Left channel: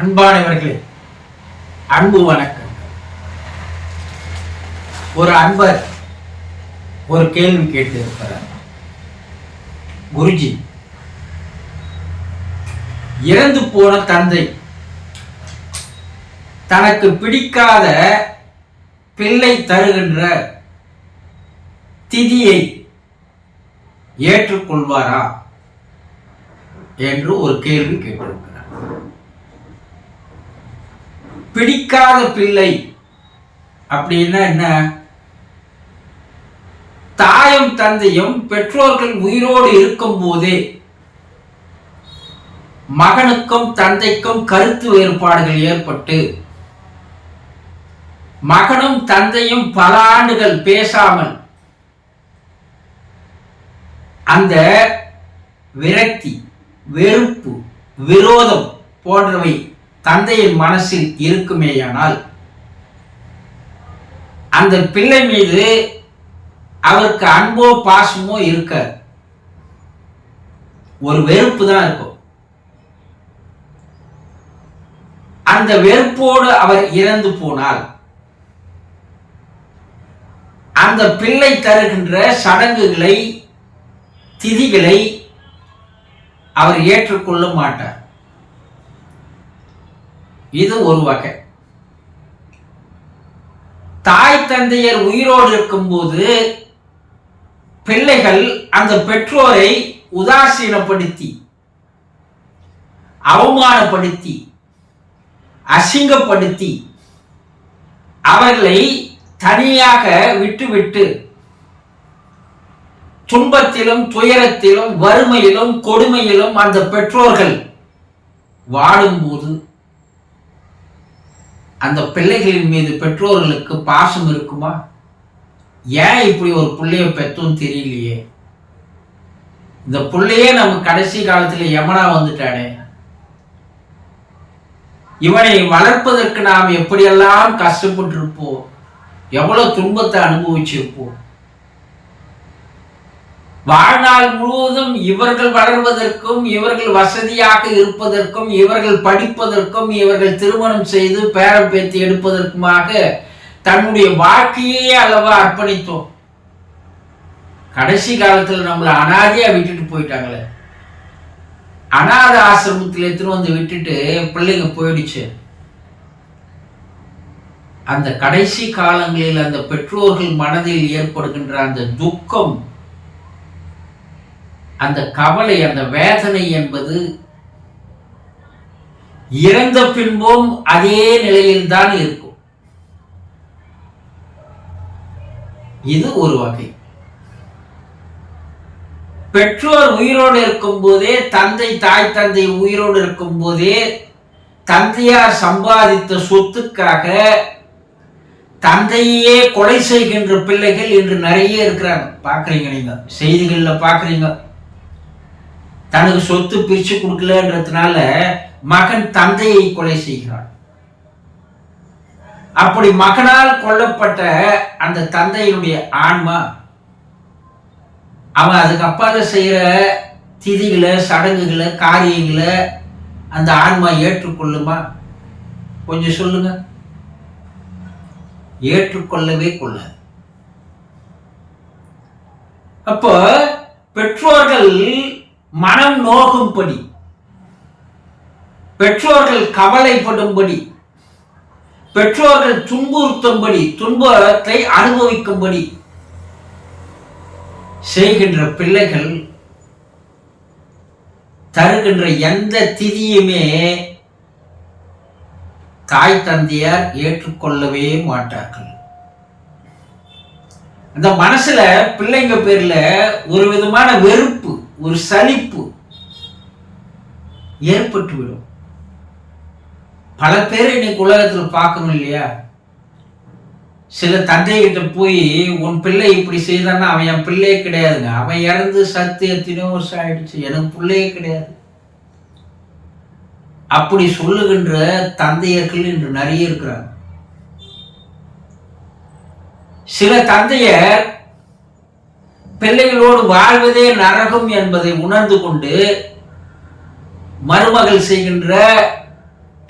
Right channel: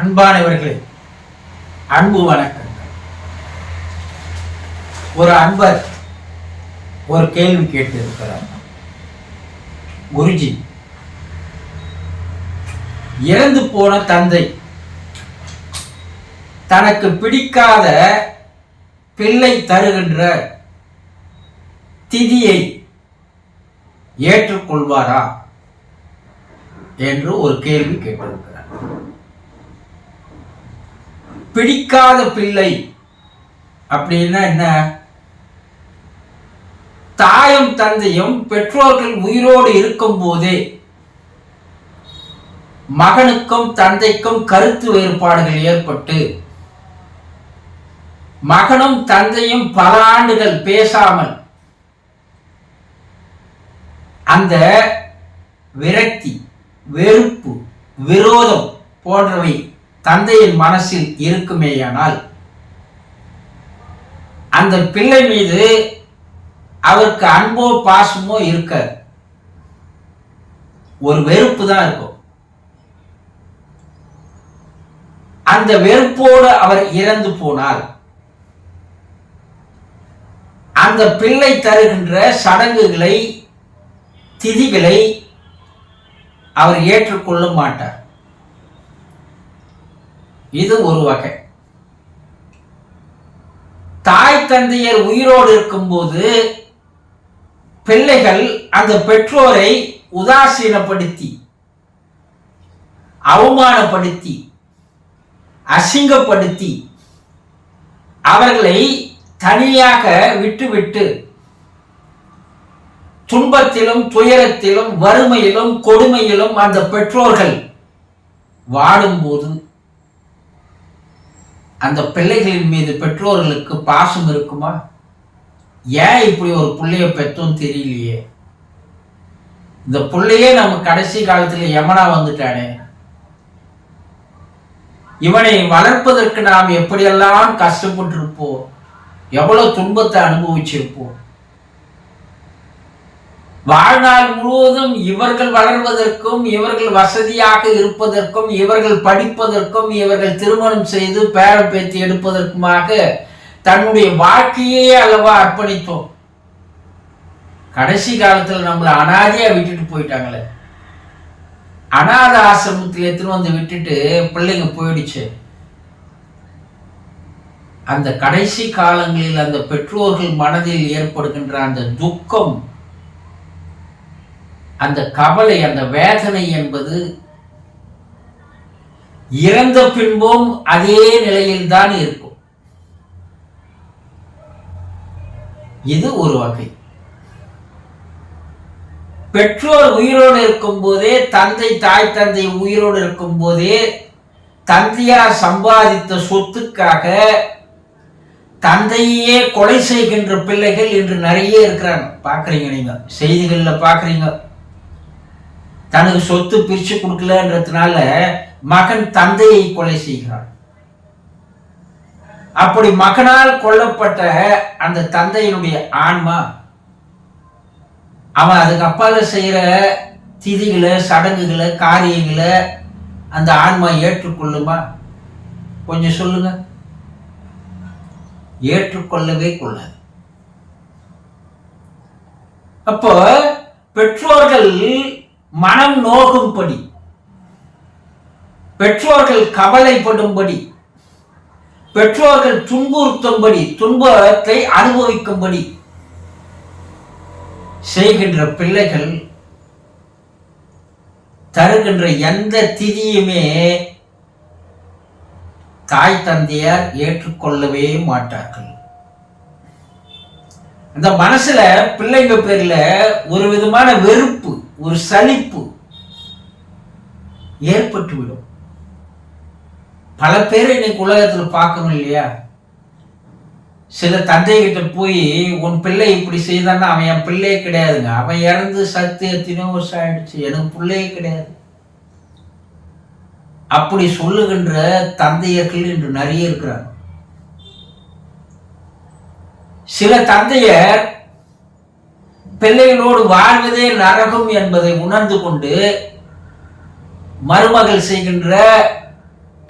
அன்பானவர்களே, அன்பு வணக்கங்கள். ஒரு அன்பர் ஒரு கேள்வி கேட்டு இருக்கிறார். குருஜி, இறந்து போன தந்தை தனக்கு பிடிக்காத பிள்ளை தருகின்ற திதியை ஏற்றுக்கொள்வாரா என்று ஒரு கேள்வி கேட்டிருக்கிறார். பிடிக்காத பிள்ளை அப்படின்னா என்ன? தாயும் தந்தையும் பெற்றோர்கள் உயிரோடு இருக்கும் போதே மகனுக்கும் தந்தைக்கும் கருத்து வேறுபாடுகள் ஏற்பட்டு மகனும் தந்தையும் பல ஆண்டுகள் பேசாமல் அந்த விரக்தி, வெறுப்பு, விரோதம் போன்றவை தந்தையின் மனசில் இருக்குமேயானால் அந்த பிள்ளை மீது அவருக்கு அன்போ பாசமோ இருக்க ஒரு வெறுப்பு தான் இருக்கும். அந்த வெறுப்போடு அவர் இறந்து போனால் அந்த பிள்ளை தருகின்ற சடங்குகளை, திதிகளை அவர் ஏற்றுக்கொள்ள மாட்டார். இது ஒரு வகை. தாய் தந்தையர் உயிரோடு இருக்கும்போது பிள்ளைகள் அந்த பெற்றோரை உதாசீனப்படுத்தி, அவமானப்படுத்தி, அசிங்கப்படுத்தி அவர்களை தனியாக விட்டுவிட்டு துன்பத்திலும் துயரத்திலும் வறுமையிலும் கொடுமையிலும் அந்த பெற்றோர்கள் வாடும்போது அந்த பிள்ளைகளின் மீது பெற்றோர்களுக்கு பாசம் இருக்குமா? ஏன் இப்படி ஒரு பிள்ளைய பெற்றோன்னு தெரியலையே, இந்த பிள்ளையே நம்ம கடைசி காலத்துல யமனா வந்துட்டானே, இவனை வளர்ப்பதற்கு நாம் எப்படியெல்லாம் கஷ்டப்பட்டு இருப்போம், எவ்வளவு துன்பத்தை அனுபவிச்சிருப்போம். வாழ்நாள் முழுவதும் இவர்கள் வளர்வதற்கும், இவர்கள் வசதியாக இருப்பதற்கும், இவர்கள் படிப்பதற்கும், இவர்கள் திருமணம் செய்து பேரம் பேத்தி எடுப்பதற்குமாக தன்னுடைய வாழ்க்கையே அல்லவா அர்ப்பணித்தோம். கடைசி காலத்தில் நம்மளை அனாதையா விட்டுட்டு போயிட்டாங்களே. அநாத ஆசிரமத்தில் எடுத்துன்னு வந்து விட்டுட்டு பிள்ளைங்க போயிடுச்சு. அந்த கடைசி காலங்களில் அந்த பெற்றோர்கள் மனதில் ஏற்படுகின்ற அந்த துக்கம், அந்த கவலை, அந்த வேதனை என்பது இறந்த பின்பும் அதே நிலையில் தான் இருக்கும். இது ஒரு வகை. பெற்றோர் உயிரோடு இருக்கும் போதே, தாய் தந்தை உயிரோடு இருக்கும் போதே தந்தையார் சம்பாதித்த சொத்துக்காக தந்தையே கொலை செய்கின்ற பிள்ளைகள் இன்று நிறைய இருக்கிறாங்க. பாக்குறீங்க, நீங்க செய்திகள்ல பாக்குறீங்க. தனக்கு சொத்து பிரிச்சு கொடுக்கலன்றதுனால மகன் தந்தையை கொலை செய்கிறான். அப்படி மகனால் கொல்லப்பட்ட அந்த தந்தையினுடைய ஆன்மா அவன் அதுக்கு அப்பால செய்யற திதிகளை, சடங்குகளை, காரியங்களை அந்த ஆன்மா ஏற்றுக்கொள்ளுமா? கொஞ்சம் சொல்லுங்க. ஏற்றுக்கொள்ளவே கொள்ளாது. அப்போ பெற்றோர்கள் மனம் நோகும்படி, பெற்றோர்கள் கவலைப்படும்படி, பெற்றோர்கள் துன்புறுத்தும்படி, துன்பத்தை அனுபவிக்கும்படி செய்கின்ற பிள்ளைகள் தருகின்ற எந்த திதியுமே தாய் தந்தையார் ஏற்றுக்கொள்ளவே மாட்டார்கள். அந்த மனசுல பிள்ளைங்க பேர்ல ஒரு விதமான வெறுப்பு, ஒரு சலிப்பு ஏற்பட்டுவிடும். பல பேர் இன்னைக்கு உலகத்தில் பார்க்கணும் இல்லையா? சில தந்தைகிட்ட போய் உன் பிள்ளை இப்படி செய்தான்னா அவன் என் பிள்ளையே கிடையாதுங்க, அவன் இறந்து சத்து எத்தனையோ வருஷம் ஆயிடுச்சு, எனக்கு பிள்ளையே கிடையாது, அப்படி சொல்லுகின்ற தந்தையர்கள் இன்று நிறைய இருக்கிறார். சில தந்தையர் பிள்ளைகளோடு வாழ்வதே நரகம் என்பதை உணர்ந்து கொண்டு மருமகள் செய்கின்ற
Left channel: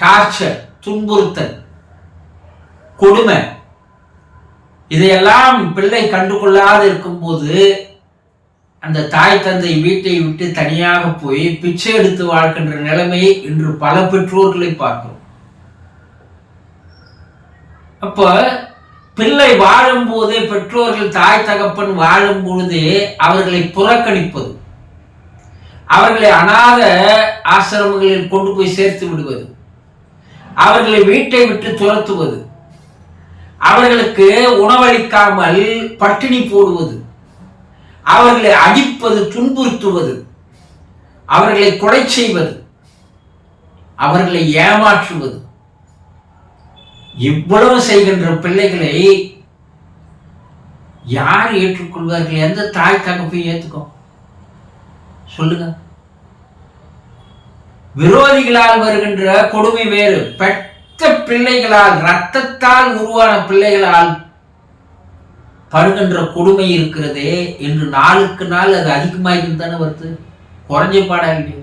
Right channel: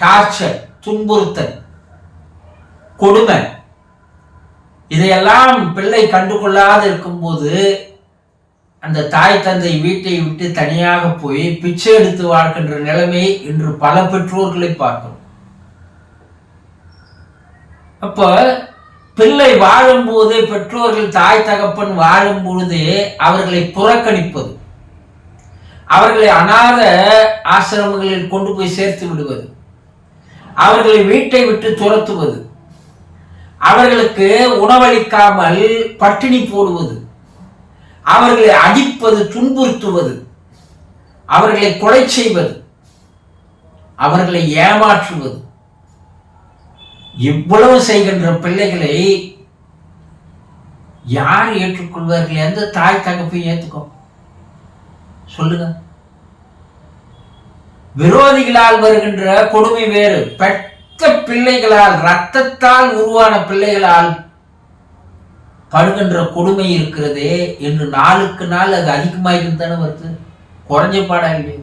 டார்ச்சர், துன்புறுத்தல், கொடுமை, இதையெல்லாம் பிள்ளை கண்டுகொள்ளாது இருக்கும்போது அந்த தாய் தந்தை வீட்டை விட்டு தனியாக போய் பிச்சை எடுத்து வாழ்கின்ற நிலைமையை இன்று பல பெற்றோர்களை பார்க்கிறோம். அப்ப பிள்ளை வாழும் போதே, பெற்றோர்கள் தாய் தகப்பன் வாழும் பொழுதே அவர்களை புறக்கணிப்பது, அவர்களை அநாத ஆசிரமங்களில் கொண்டு போய் சேர்த்து விடுவது, அவர்களை வீட்டை விட்டு துரத்துவது, அவர்களுக்கு உணவளிக்காமல் பட்டினி போடுவது, அவர்களை அடிப்பது, துன்புறுத்துவது, அவர்களை கொலை செய்வது, அவர்களை ஏமாற்றுவது, இவ்வளவு செய்கின்ற பிள்ளைகளை யார் ஏற்றுக்கொள்வார்கள்? எந்த தாய் தகப்பையும் ஏற்றுக்கும்? சொல்லுங்க. விரோதிகளால் வருகின்ற கொடுமை வேறு, பெற்ற பிள்ளைகளால், இரத்தத்தால் உருவான பிள்ளைகளால் படுகின்ற கொடுமை இருக்கிறதே என்று நாளுக்கு நாள் அது அதிகமாயிருந்தானே வருது, குறைஞ்ச பாடா இல்லையே.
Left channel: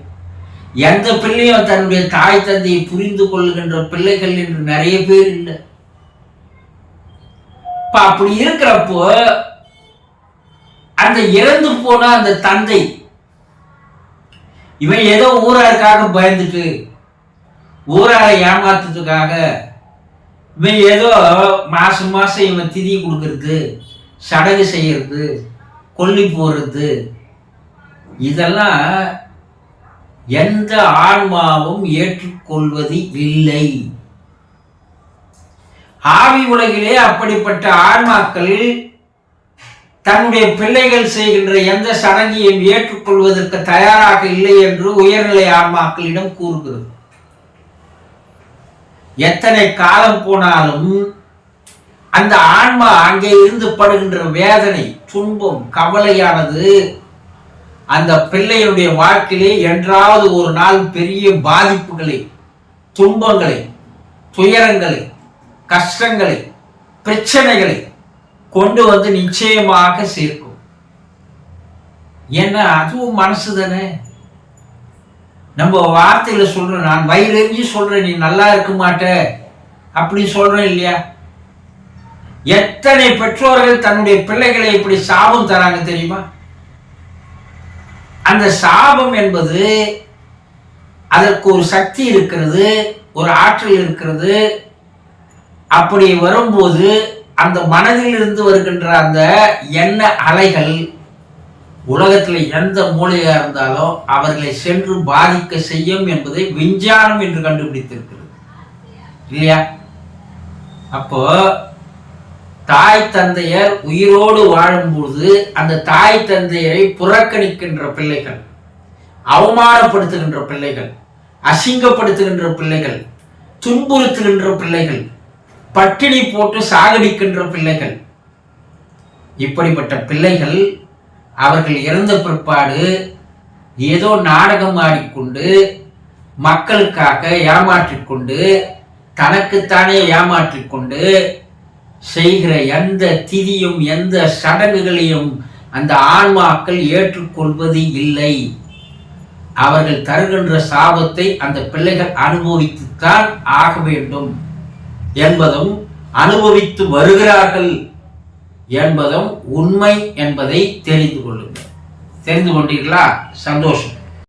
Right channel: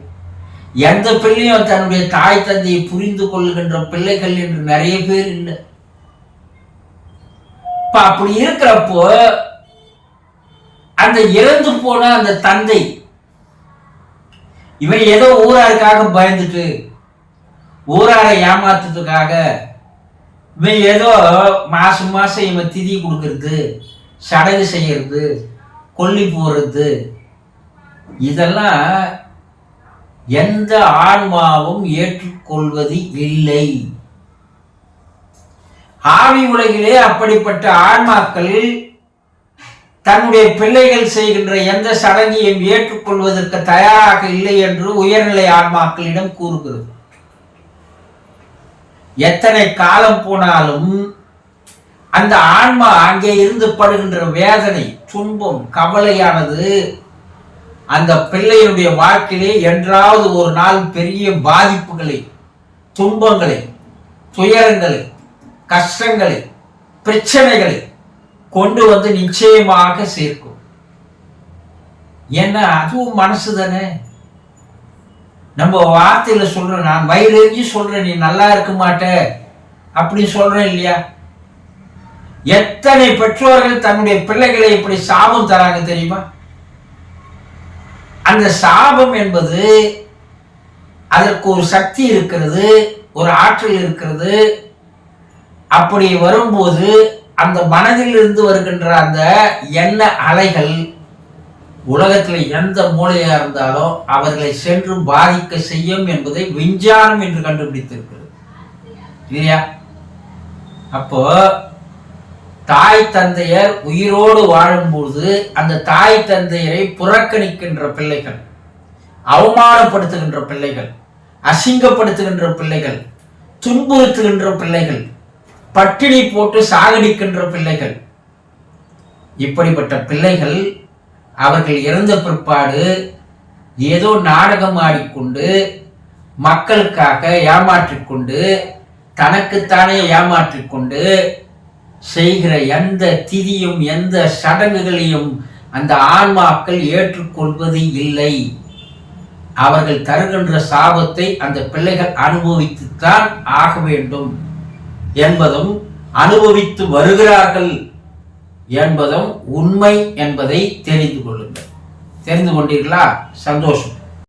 எந்த பிள்ளையும் தன்னுடைய தாய் தந்தையை புரிந்து கொள்கின்ற பிள்ளைகள் என்று நிறைய பேர் இல்லை. இப்ப அப்படி இருக்கிறப்போ அந்த இறந்து போன அந்த தந்தை, இவன் ஏதோ ஊராருக்காக பயந்துட்டு, ஊராரை ஏமாத்துறதுக்காக இவன் ஏதோ மாசம் மாசம் இவன் திதி கொடுக்கறது, சடங்கு செய்யறது, கொல்லி போடுறது, இதெல்லாம் எந்த ஆன்மாவும் ஏற்றுக்கொள்வது இல்லை. ஆவி உலகிலே அப்படிப்பட்ட ஆன்மாக்கள் தன்னுடைய பிள்ளைகள் செய்கின்ற எந்த சடங்கையும் ஏற்றுக்கொள்வதற்கு தயாராக இல்லை என்று உயர்நிலை ஆன்மாக்களிடம் கூறுகிறது. எத்தனை காலம் போனாலும் அந்த ஆன்மா அங்கே இருந்து படுகின்ற வேதனை, துன்பம், கவலையானது அந்த பிள்ளையினுடைய வாழ்க்கையிலே என்றாவது ஒரு நாள் பெரிய பாதிப்புகளை, துன்பங்களை, துயரங்களை, கஷ்டங்களை, பிரச்சனைகளை கொண்டு வந்து நிச்சயமாக சேர்க்கும். ஏன்னா அதுவும் மனசு தானே. நம்ம வார்த்தையில சொல்றோம், நான் வயிறெறிஞ்சு சொல்றேன் நீ நல்லா இருக்க மாட்ட அப்படி சொல்றேன் இல்லையா? எத்தனை பெற்றோர்கள் தன்னுடைய பிள்ளைகளை இப்படி சாபம் தராங்க தெரியுமா? அந்த சாபம் என்பது அதற்கு ஒரு சக்தி இருக்கிறது, ஒரு ஆற்றல் இருக்கிறது. அப்படி வரும்போது அந்த மனதில் இருந்து வருகின்ற அந்த எண்ண அலைகள் உலகத்தில் எந்த மூலையா இருந்தாலும் அவர்களை சென்று பாதிக்க செய்யும் என்பதை விஞ்ஞானம் என்று கண்டுபிடித்திருக்கிறது இல்லையா? அப்போ தாய் தந்தையர் உயிரோடு வாழும்போது அந்த தாய் தந்தையரை புறக்கணிக்கின்ற பிள்ளைகள், அவமானப்படுத்துகின்ற பிள்ளைகள், அசிங்கப்படுத்துகின்ற பிள்ளைகள், துன்புறுத்துகின்ற பிள்ளைகள், பட்டினி போட்டு சாகடிக்கின்ற பிள்ளைகள், இப்படிப்பட்ட பிள்ளைகள் அவர்கள் இறந்த பிற்பாடு ஏதோ நாடகம் ஆடிக்கொண்டு மக்களுக்காக ஏமாற்றிக்கொண்டு தனக்குத்தானே ஏமாற்றிக்கொண்டு செய்கிற எந்த திதியும் எந்த சடங்குகளையும் அந்த ஆன்மாக்கள் ஏற்றுக்கொள்வது இல்லை. அவர்கள் தருகின்ற சாபத்தை அந்த பிள்ளைகள் அனுபவித்துத்தான் ஆக வேண்டும் என்பதும், அனுபவித்து வருகிறார்கள் என்பதும் உண்மை என்பதை தெரிந்து கொள்ளுங்கள். தெரிந்து கொண்டீர்களா? சந்தோஷம்.